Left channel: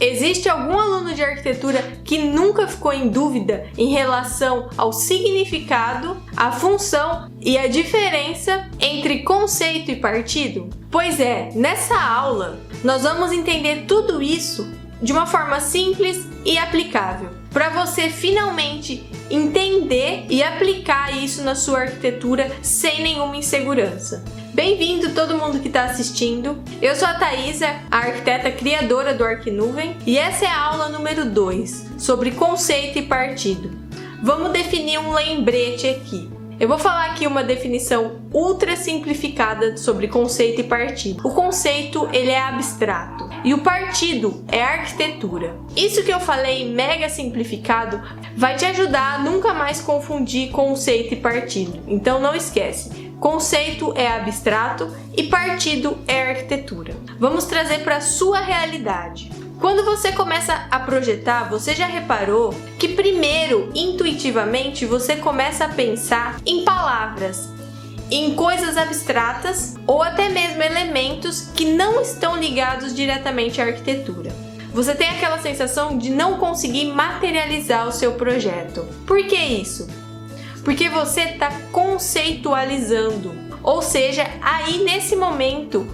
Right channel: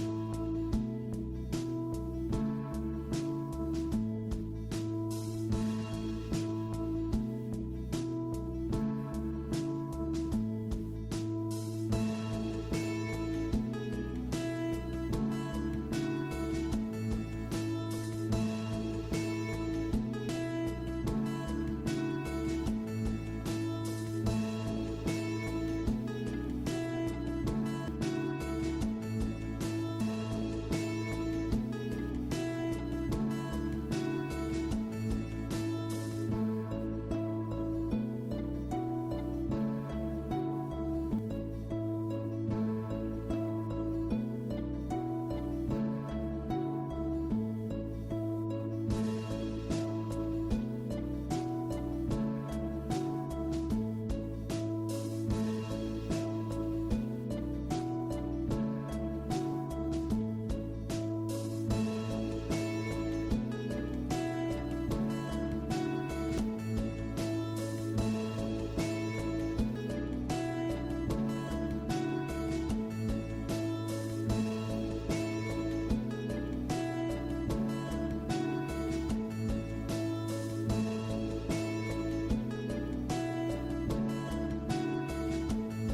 Existe algum aluno de arquitetura que nunca ficou em dúvida em relação ao significado, a função e a diferença entre conceito e partido? Pois é, nessa aula nós vamos entender tudo isso de uma forma simples e aplicável, para você finalmente entender e aplicar isso na sua arquitetura sem nenhuma insegurança. Bem-vindo todo mundo que está assistindo. Eu sou a Thaisa, a arquiteta criadora do Arquinuvem, e essa é a aula número 2, sobre conceito e partido. Vamos definir um lembrete aqui. Eu vou falar aqui uma definição ultra simplificada sobre conceito e partido. O conceito, ele é abstrato e o partido é arquitetura. Isso que eu falei mega simplificado vai te ajudar a nunca mais confundir conceito e partido. Então não esquece, conceito é abstrato e partido é arquitetura. Vamos trazer para a sua realidade. Quando você começa a projetar, você já reparou que primeiro, intuitivamente, você começa a pensar em palavras, em coisas abstratas ou até mesmo elementos que não estão ligados diretamente à arquitetura. Você tem aquela sensação de não conseguir materializar o seu projeto. Por que isso? Porque você está conceitualizando. Ou seja, aí nesse momento,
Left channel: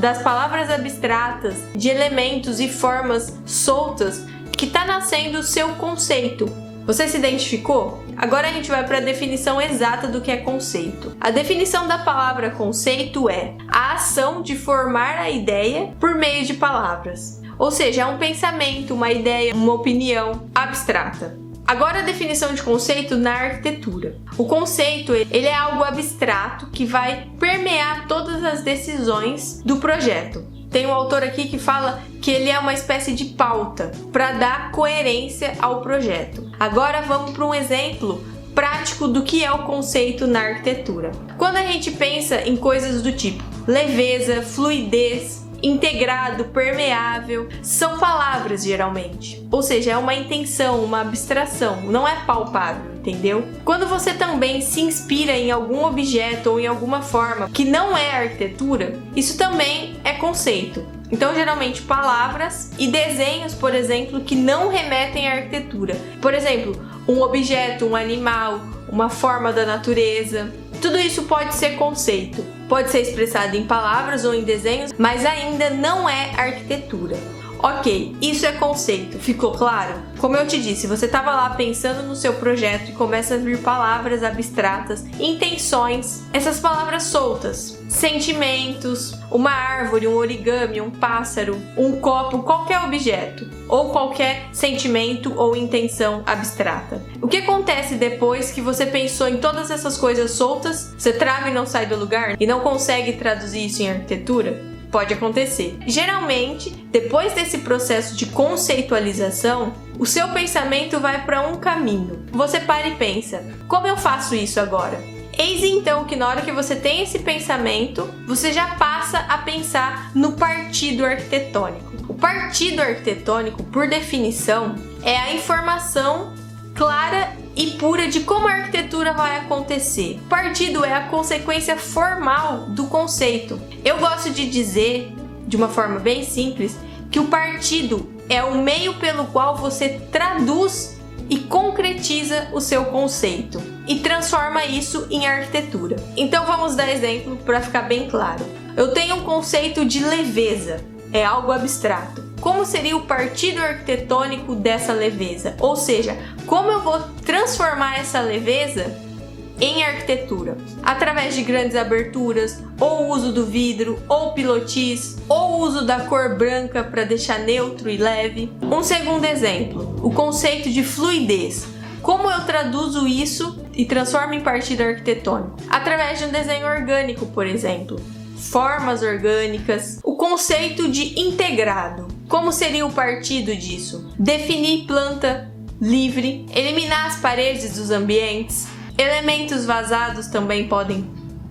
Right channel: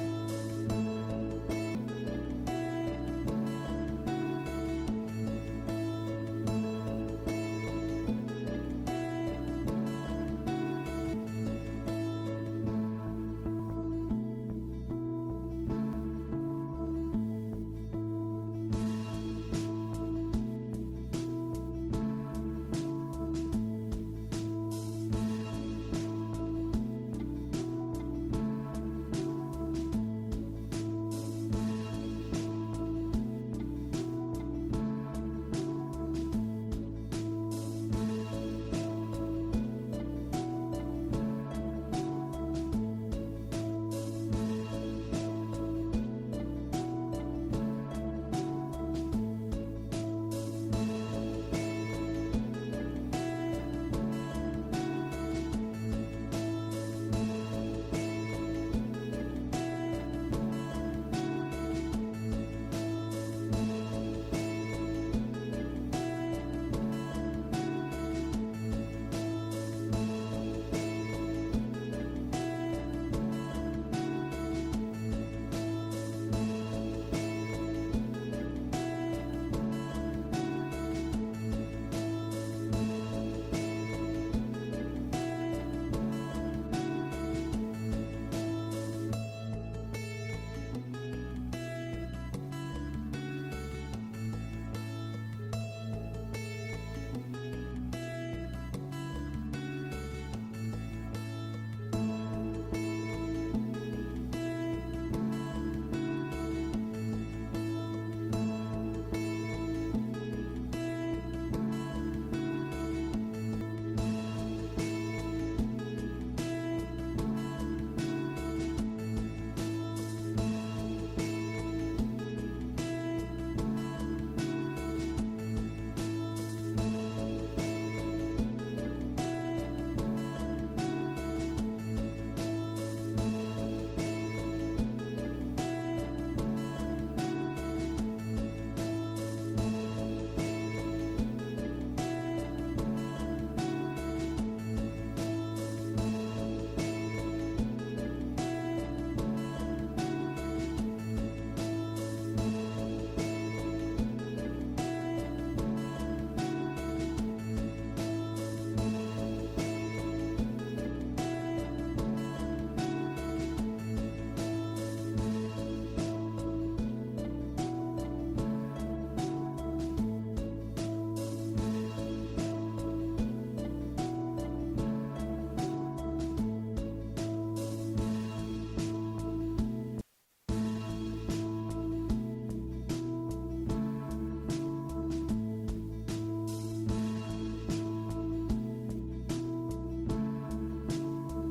das palavras abstratas, de elementos e formas soltas, que está nascendo o seu conceito. Você se identificou? Agora a gente vai para a definição exata do que é conceito. A definição da palavra conceito é a ação de formar a ideia por meio de palavras. Ou seja, é um pensamento, uma ideia, uma opinião abstrata. Agora a definição de conceito na arquitetura. O conceito, ele é algo abstrato que vai permear todas as decisões do projeto. Tem um autor aqui que fala que ele é uma espécie de pauta para dar coerência ao projeto. Agora vamos para um exemplo prático do que é o conceito na arquitetura. Quando a gente pensa em coisas do tipo leveza, fluidez, integrado, permeável, são palavras geralmente. Ou seja, é uma intenção, uma abstração, não é palpável, entendeu? Quando você também se inspira em algum objeto ou em alguma forma que não é arquitetura, isso também é conceito. Então, geralmente, palavras e desenhos, por exemplo, que não remetem à arquitetura. Por exemplo, um objeto, um animal, uma forma da natureza. Tudo isso pode ser conceito. Pode ser expressado em palavras ou em desenhos, mas ainda não é arquitetura. Ok, isso é conceito, ficou claro? Como eu te disse, você estava lá pensando no seu projeto e começa a vir palavras abstratas, intenções, essas palavras soltas, sentimentos, uma árvore, um origami, um pássaro, um copo, qualquer objeto, ou qualquer sentimento ou intenção abstrata. O que acontece depois que você pensou em todas essas coisas soltas, você trava e não sai do lugar e não consegue traduzir isso em arquitetura? Pode acontecer. Geralmente, depois desse processo de conceitualização, o seu pensamento vai para um caminho. Você para e pensa, como eu faço isso agora? Eis então que na hora que você tem esse pensamento, você já passa a pensar no partido arquitetônico. O partido arquitetônico, por definição, é a informação clara e pura de como a arquitetura vai acontecer. O partido é a consequência formal do conceito. Eu gosto de dizer, de uma forma bem simples, que o partido é o meio pelo qual você traduz e concretiza o seu conceito e transforma isso em arquitetura. Então vamos dar exemplo para ficar bem claro. Eu tenho um conceito de leveza, é algo abstrato. Como seria o partido arquitetônico dessa leveza? Ou seja, como eu vou transformar essa leveza em arquitetura? Através de grandes aberturas, ou o uso do vidro, ou pilotis, ou o uso da cor branca para deixar neutro e leve. Um segundo exemplo, o conceito de fluidez. Como eu traduzo isso e transformo em partido arquitetônico? Através de um desenho orgânico, por exemplo. Formas orgânicas. O conceito de integrado. Como seria o partido disso? Definir planta livre, eliminar as paredes dos ambientes, elementos vazados também podem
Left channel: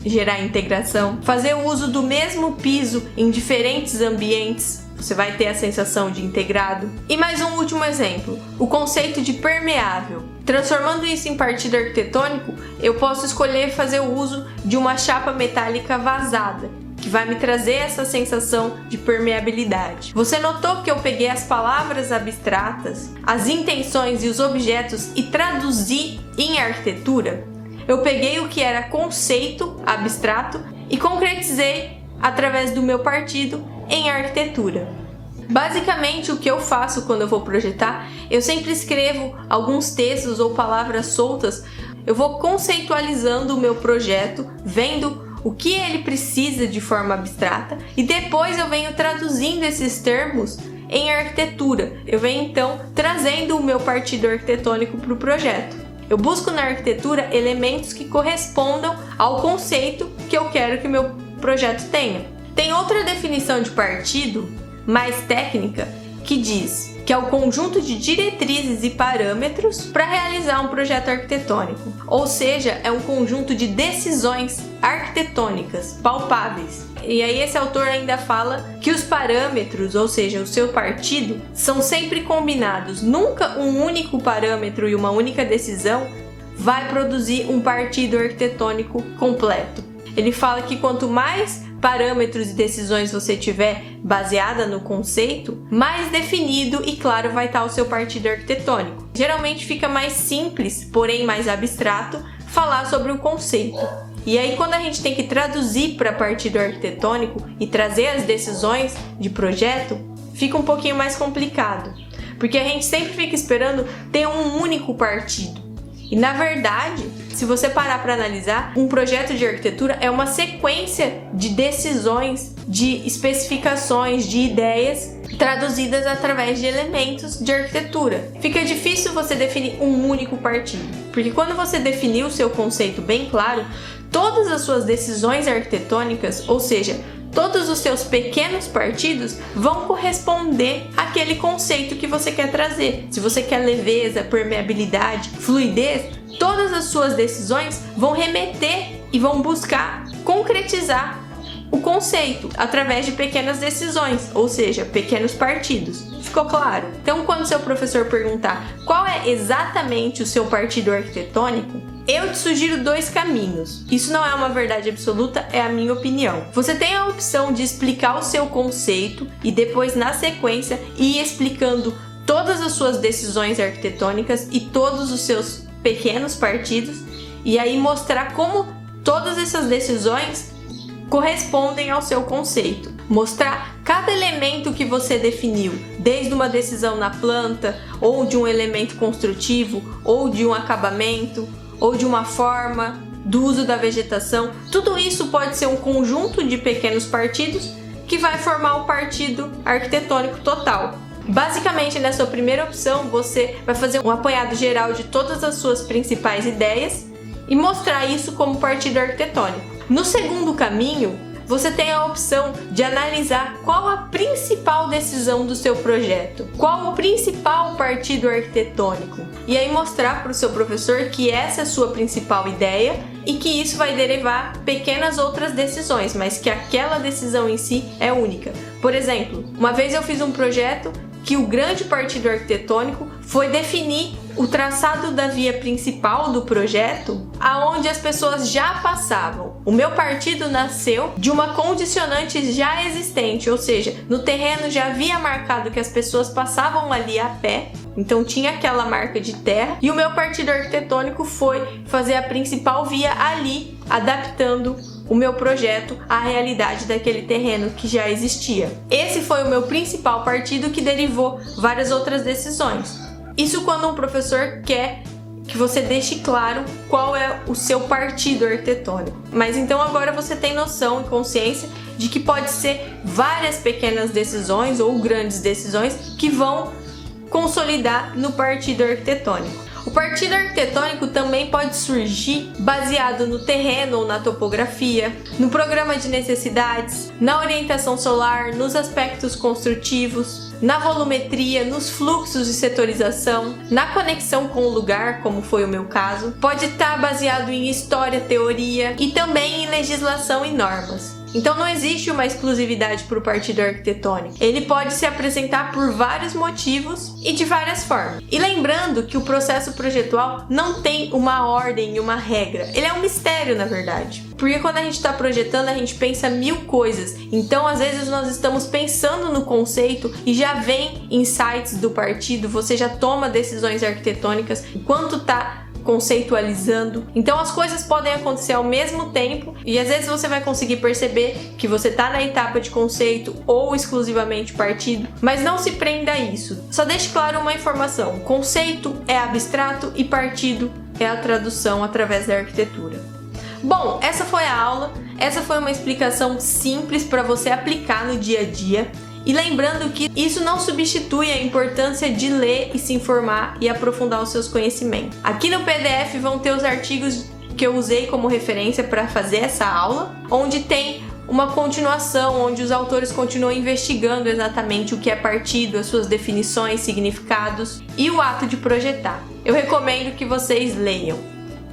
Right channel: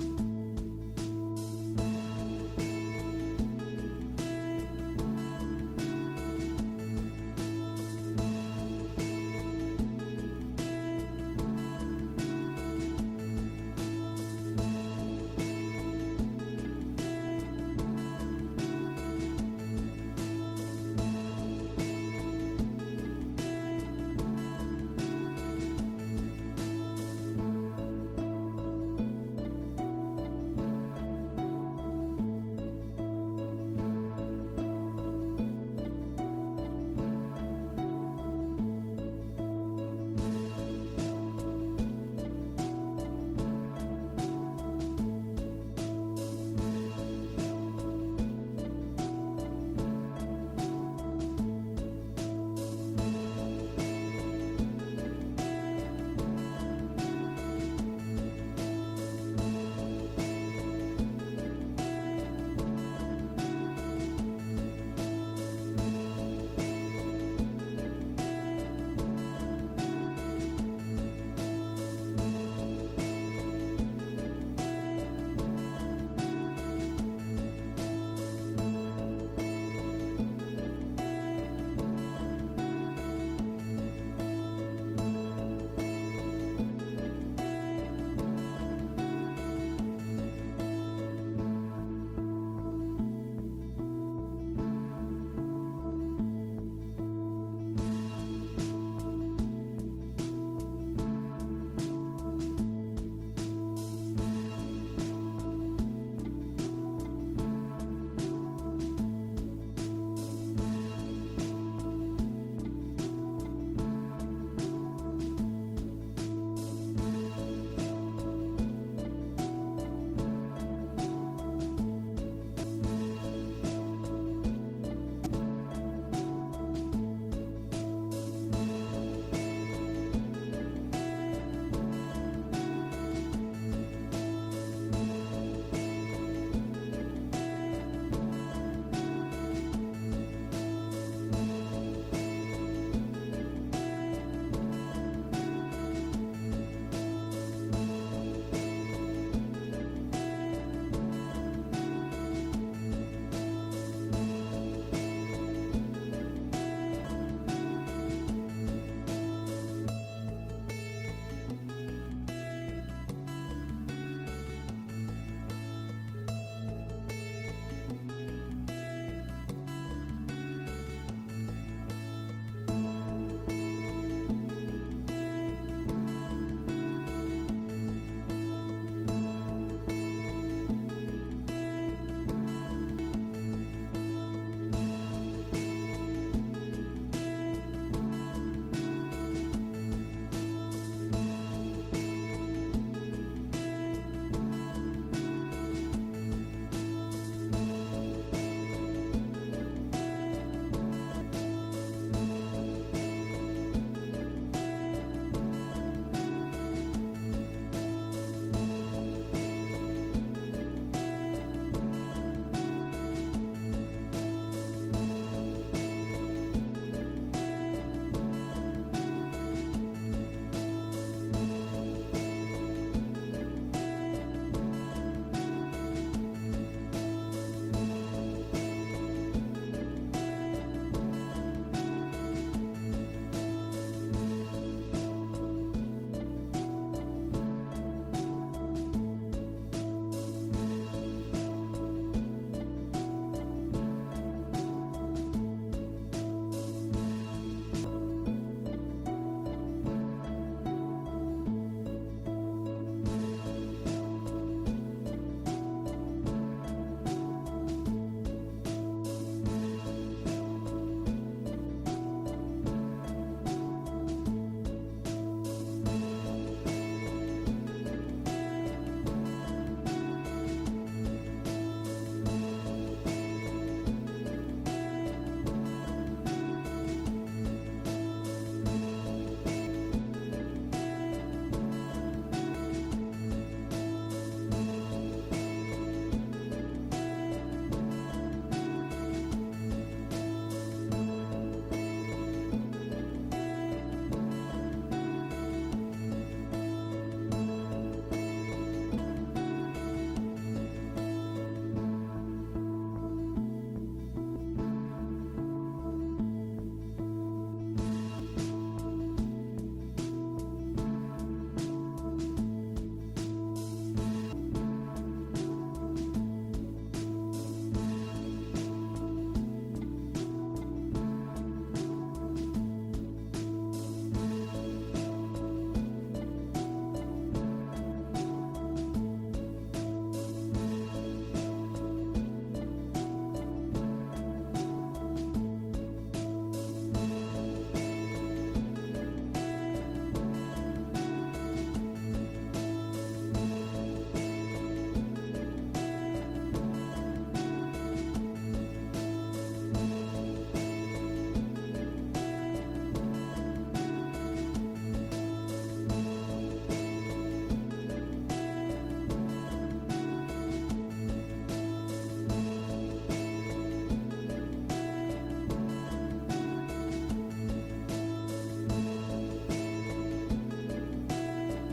gerar integração, fazer o uso do mesmo piso em diferentes ambientes, você vai ter a sensação de integrado. E mais um último exemplo, o conceito de permeável. Transformando isso em partido arquitetônico, eu posso escolher fazer o uso de uma chapa metálica vazada, que vai me trazer essa sensação de permeabilidade. Você notou que eu peguei as palavras abstratas, as intenções e os objetos e traduzi em arquitetura? Eu peguei o que era conceito abstrato e concretizei através do meu partido em arquitetura. Basicamente, o que eu faço quando eu vou projetar, eu sempre escrevo alguns textos ou palavras soltas. Eu vou conceitualizando o meu projeto, vendo o que ele precisa de forma abstrata e depois eu venho traduzindo esses termos em arquitetura. Eu venho então trazendo o meu partido arquitetônico para o projeto. Eu busco na arquitetura elementos que correspondam ao conceito que eu quero que o meu projeto tenha. Tem outra definição de partido, mais técnica, que diz que é o conjunto de diretrizes e parâmetros para realizar um projeto arquitetônico. Ou seja, é um conjunto de decisões arquitetônicas palpáveis. E aí esse autor ainda fala que os parâmetros, ou seja, o seu partido, são sempre combinados. Nunca um único parâmetro e uma única decisão vai produzir um partido arquitetônico completo. Ele fala que quanto mais parâmetros e decisões você tiver baseada no conceito, mais definido e claro vai estar o seu partido arquitetônico. Geralmente fica mais simples, porém mais abstrato, falar sobre o conceito. E aí quando a gente tem que traduzir para partido arquitetônico e trazer as decisões de projeto, fica um pouquinho mais complicado, porque a gente sempre fica esperando ter um único partido. E na verdade, se você parar para analisar, um projeto de arquitetura é uma sequência de decisões, de especificações, de ideias traduzidas através de elementos de arquitetura. Fica difícil você definir um único partido, porque quando você definir o seu conceito bem claro, todas as suas decisões arquitetônicas, ou seja, todos os seus pequenos partidos vão corresponder àquele conceito que você quer trazer. Se você quer leveza, permeabilidade, fluidez, todas as suas decisões vão remeter e vão buscar concretizar o conceito através de pequenas decisões, ou seja, pequenos partidos. Ficou claro? Então, quando seu professor perguntar qual é exatamente o seu partido arquitetônico, eu te sugiro dois caminhos. Isso não é uma verdade absoluta, é a minha opinião. Você tem a opção de explicar o seu conceito e depois, na sequência, ir explicando todas as suas decisões arquitetônicas e todos os seus pequenos partidos, e aí mostrar como todas essas decisões correspondem ao seu conceito. Mostrar cada elemento que você definiu, desde uma decisão na planta, ou de um elemento construtivo, ou de um acabamento, ou de uma forma, do uso da vegetação. Tudo isso pode ser um conjunto de pequenos partidos que vai formar um partido arquitetônico total. Basicamente, na sua primeira opção, você vai fazer um apanhado geral de todas as suas principais ideias e mostrar isso como partido arquitetônico. No segundo caminho, você tem a opção de analisar qual a principal decisão do seu projeto, qual o principal partido arquitetônico, e aí mostrar para o seu professor que essa é a sua principal ideia e que isso vai derivar pequenas outras decisões, mas que aquela decisão em si é única. Por exemplo, uma vez eu fiz um projeto que o grande partido arquitetônico foi definir o traçado da via principal do projeto, aonde as pessoas já passavam. O meu partido nasceu de uma condicionante já existente, ou seja, no terreno já havia marcado que as pessoas passavam ali a pé, então tinha aquela marca de terra, e o meu partido arquitetônico foi fazer a principal via ali, adaptando o meu projeto à realidade daquele terreno que já existia. Esse foi o meu principal partido, que derivou várias outras decisões. Isso quando um professor quer que você deixe claro qual é o seu partido arquitetônico. Mas então agora você tem noção e consciência de que pode ser várias pequenas decisões ou grandes decisões que vão consolidar no partido arquitetônico. O partido arquitetônico também pode surgir baseado no terreno ou na topografia, no programa de necessidades, na orientação solar, nos aspectos construtivos, na volumetria, nos fluxos de setorização, na conexão com o lugar, como foi o meu caso. Pode estar baseado em história, teoria e também em legislação e normas. Então não existe uma exclusividade para o partido arquitetônico. Ele pode se apresentar por vários motivos e de várias formas. E lembrando que o processo projetual não tem uma ordem e uma regra. Ele é um mistério, na verdade. Porque quando a gente está projetando, a gente pensa mil coisas. Então, às vezes, nós estamos pensando no conceito e já vem insights do partido, você já toma decisões arquitetônicas enquanto está conceitualizando. Então as coisas podem acontecer ao mesmo tempo e às vezes você vai conseguir perceber que você está na etapa de conceito ou exclusivamente partido, mas não se prenda a isso. Só deixe claro uma informação: conceito é abstrato e partido é a tradução através da arquitetura. Bom, essa foi a aula. Essa foi uma explicação simples para você aplicar no dia a dia. E lembrando que isso não substitui a importância de ler e se informar e aprofundar os seus conhecimentos. Aqui no PDF vão ter os artigos que eu usei como referência para fazer essa aula, onde tem uma continuação, onde os autores continuam investigando exatamente o que é partido, as suas definições, significados e o ato de projetar. Eu recomendo que vocês leiam.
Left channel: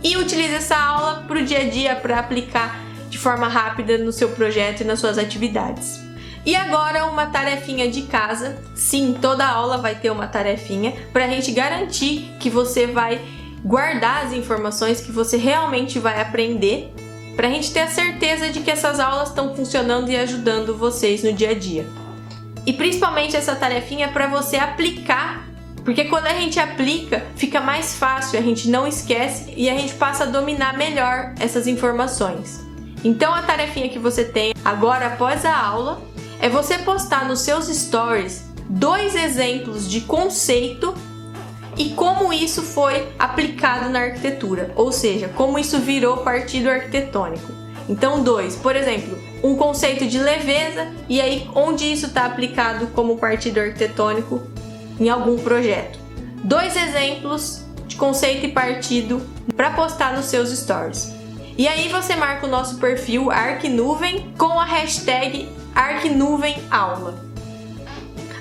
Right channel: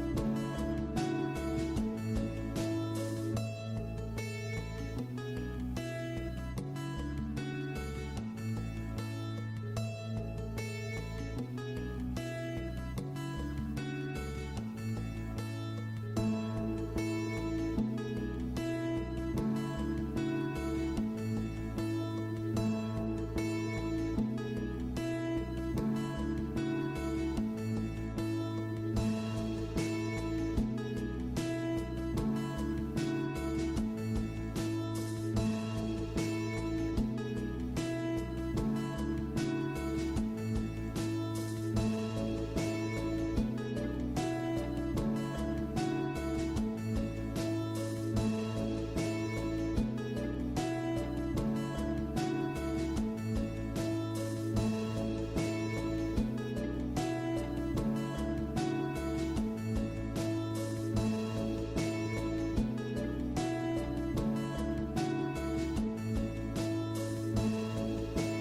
E utilize essa aula para o dia a dia, para aplicar de forma rápida no seu projeto e nas suas atividades. E agora uma tarefinha de casa. Sim, toda aula vai ter uma tarefinha para a gente garantir que você vai guardar as informações que você realmente vai aprender, para a gente ter a certeza de que essas aulas estão funcionando e ajudando vocês no dia a dia. E principalmente essa tarefinha é para você aplicar, porque quando a gente aplica fica mais fácil, a gente não esquece e a gente passa a dominar melhor essas informações. Então a tarefinha que você tem agora após a aula é você postar nos seus stories 2 exemplos de conceito e como isso foi aplicado na arquitetura, ou seja, como isso virou partido arquitetônico. Então 2, por exemplo, um conceito de leveza e aí onde isso está aplicado como partido arquitetônico em algum projeto. 2 exemplos de conceito e partido para postar nos seus stories. E aí você marca o nosso perfil Arquinuvem com a hashtag ArquinuvenAula.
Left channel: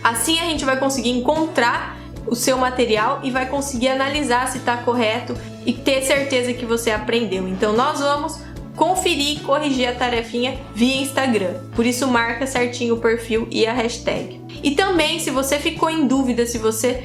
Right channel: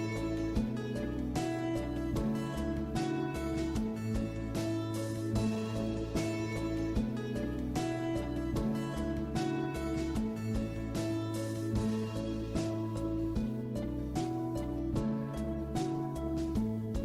Assim a gente vai conseguir encontrar o seu material e vai conseguir analisar se está correto e ter certeza que você aprendeu. Então nós vamos conferir e corrigir a tarefinha via Instagram. Por isso marca certinho o perfil e a hashtag. E também, se você ficou em dúvida, se você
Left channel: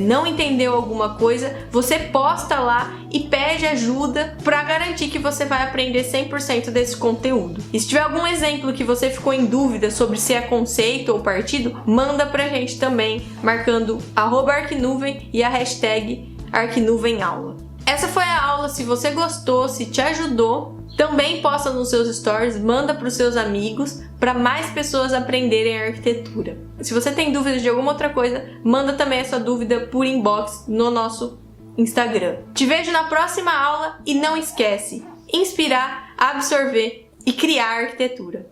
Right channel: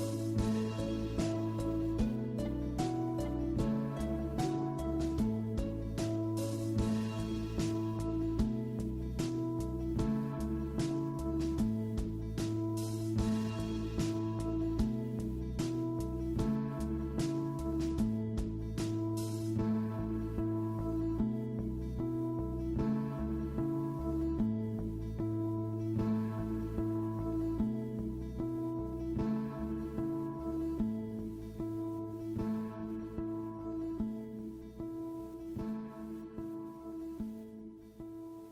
não entendeu alguma coisa, você posta lá e pede ajuda para garantir que você vai aprender 100% desse conteúdo. E se tiver algum exemplo que você ficou em dúvida sobre se é conceito ou partido, manda pra gente também, marcando @Arquinuvem e a hashtag ArquinuvenAula. Essa foi a aula. Se você gostou, se te ajudou, também posta nos seus stories, manda para os seus amigos, para mais pessoas aprenderem a arquitetura. Se você tem dúvidas de alguma outra coisa, manda também a sua dúvida por inbox no nosso Instagram. Te vejo na próxima aula e não esquece, inspirar, absorver e criar arquitetura.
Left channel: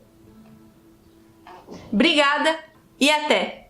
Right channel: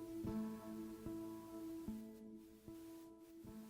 Obrigada e até!